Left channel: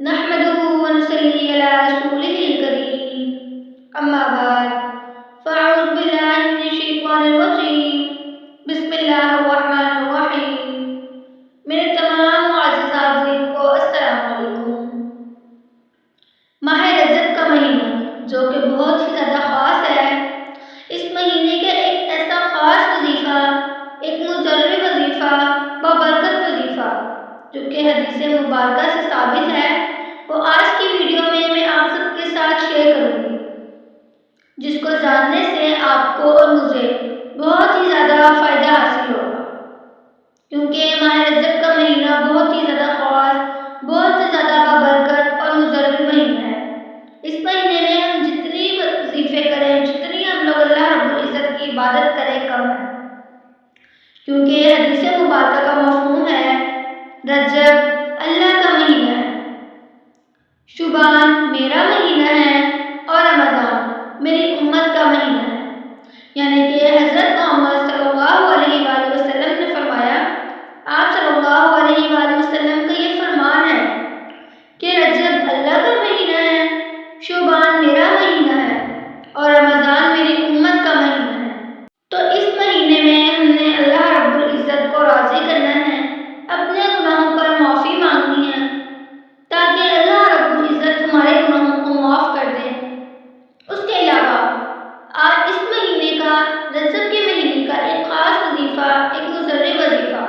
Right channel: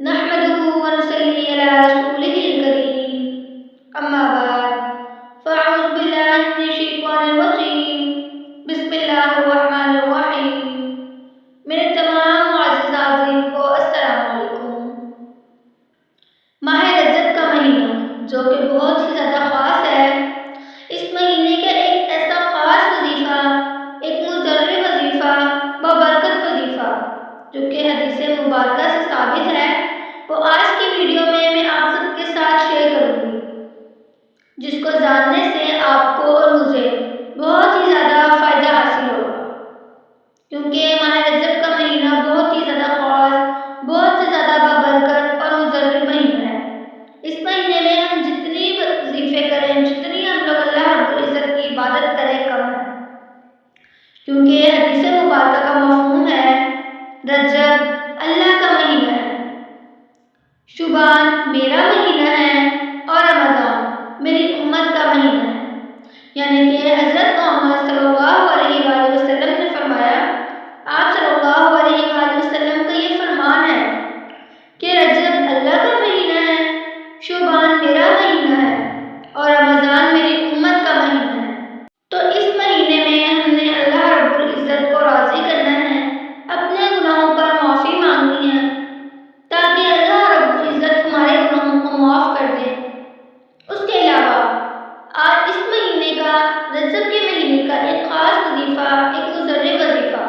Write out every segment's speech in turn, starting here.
نحمده ونصلي على رسوله الكريم اما بعد فاعوذ باللہ من الشیطان الرجیم بسم اللہ الرحمن الرحیم۔ میرے تمام معزز حاضرین کو السلام علیکم۔ ماہ رجب کا مہینہ جو کہ بہت ہی زیادہ خاص ہے، اس مہینے کا ایک ایسا خاص وظیفہ، ایک مضر وظیفہ، بابرکت وظیفہ جو کہ حدیث مبارکہ سے ثابت ہے، وہ آج کی ویڈیو میں آپ سب کے ساتھ شیئر کروں گی، جس کو جاننے سے آپ کو اور مجھے بہت ہی زیادہ فائدہ حاصل ہوگا، کیونکہ ماہ رجب کا مہینہ بہت ہی زیادہ خاص، بہت ہی زیادہ بابرکت اور مضر مہینہ ہے۔ اس مہینے میں ہم جتنی وظیفے کریں، جتنی ہم لوگ اللہ رب العزت کی عبادت کریں کم ہے، کیونکہ حدیث مبارکہ کا مفہوم ہے رجب اللہ کا مہینہ ہے، شعبان میرا مہینہ ہے اور رمضان میری امت کا مہینہ ہے۔ یعنی کہ حضرت محمد صلی اللہ علیہ وآلہ وسلم نے فرمایا، آپ صلی اللہ علیہ وآلہ وسلم کا یہ فرمان ہے کہ رجب اللہ کا مہینہ ہے، شعبان میرا مہینہ ہے اور رمضان میری امت کا مہینہ ہے۔ تو اس مہینے میں ہم نے اللہ رب العزت کو راضی کرنا ہے، اپنے گناہوں پر معافی مانگنی ہے تاکہ اللہ رب العزت ہمارے گناہوں کو معاف کر دے۔ اس کے علاوہ آج اس مہینے کا، رجب کے مہینے کا ایک خاص وظیفہ، ایک مضر وظیفہ،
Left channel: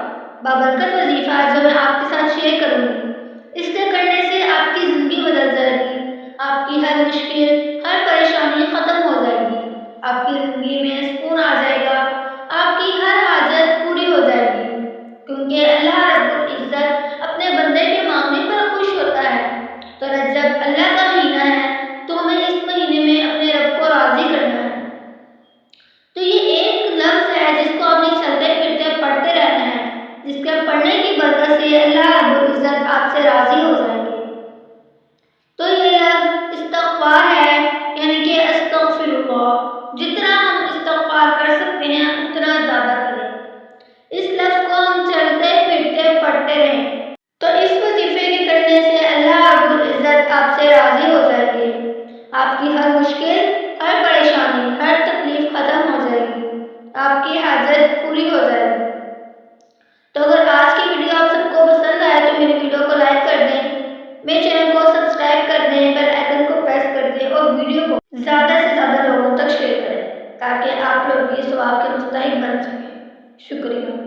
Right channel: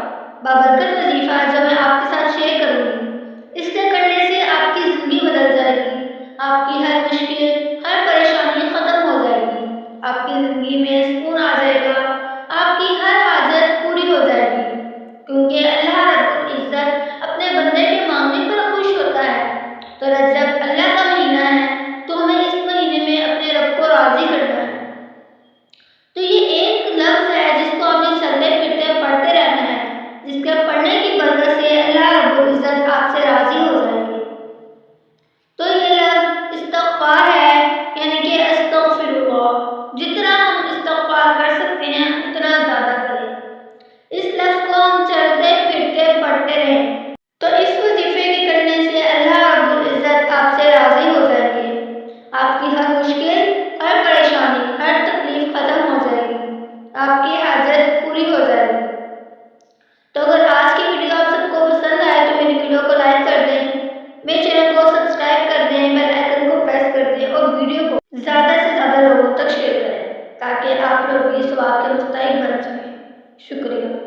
بابرکت وظیفہ جو میں آپ کے ساتھ شیئر کروں گی۔ اس کے کرنے سے آپ کی زندگی بدل جائے گی، آپ کی ہر مشکل، ہر پریشانی ختم ہو جائے گی، آپ کی زندگی میں سکون آ جائے گا، آپ کی ہر حاجت پوری ہو جائے گی، کیونکہ اللہ رب العزت اپنے بندے کے مانگنے پر خوش ہوتا ہے۔ تو رجب اللہ کا مہینہ ہے، تو ہمیں اس مہینے میں اپنے رب کو راضی کرنا ہے۔ تو یہ ایک لفظ ہے جس کو ہمیں چلتے پھرتے پڑھتے رہنا ہے، جس کے پڑھنے کی برکت سے اللہ رب العزت آپ سے راضی ہو جائے گے۔ تو یہ لفظ استغفار ہے، یعنی کہ استغفر اللہ۔ جتنا ہم استغفار کر سکتے ہیں اتنا زیادہ کریں، اس لفظ کو ہم چلتے پھرتے پڑھتے رہیں، تو اس وظیفے کے کرنے سے اللہ رب العزت آپ سے راضی ہو جائیں گے، آپ کی ہر مشکل، ہر پریشانی، ہر تکلیف ختم ہو جائے گی، آپ کی حاجت پوری ہو جائے گی۔ تو اگر آج کی ویڈیو آپ سب کو پسند آئے تو میری ویڈیو کو لائک کر دیں، میرے چینل کو سبسکرائب کر دیں، بیل آئیکن کو پریس کر دیں اور ویڈیو کو زیادہ سے زیادہ لوگوں تک شیئر کریں تاکہ آپ لوگ بھی ثواب کے مستحق بن سکیں۔ شکریہ۔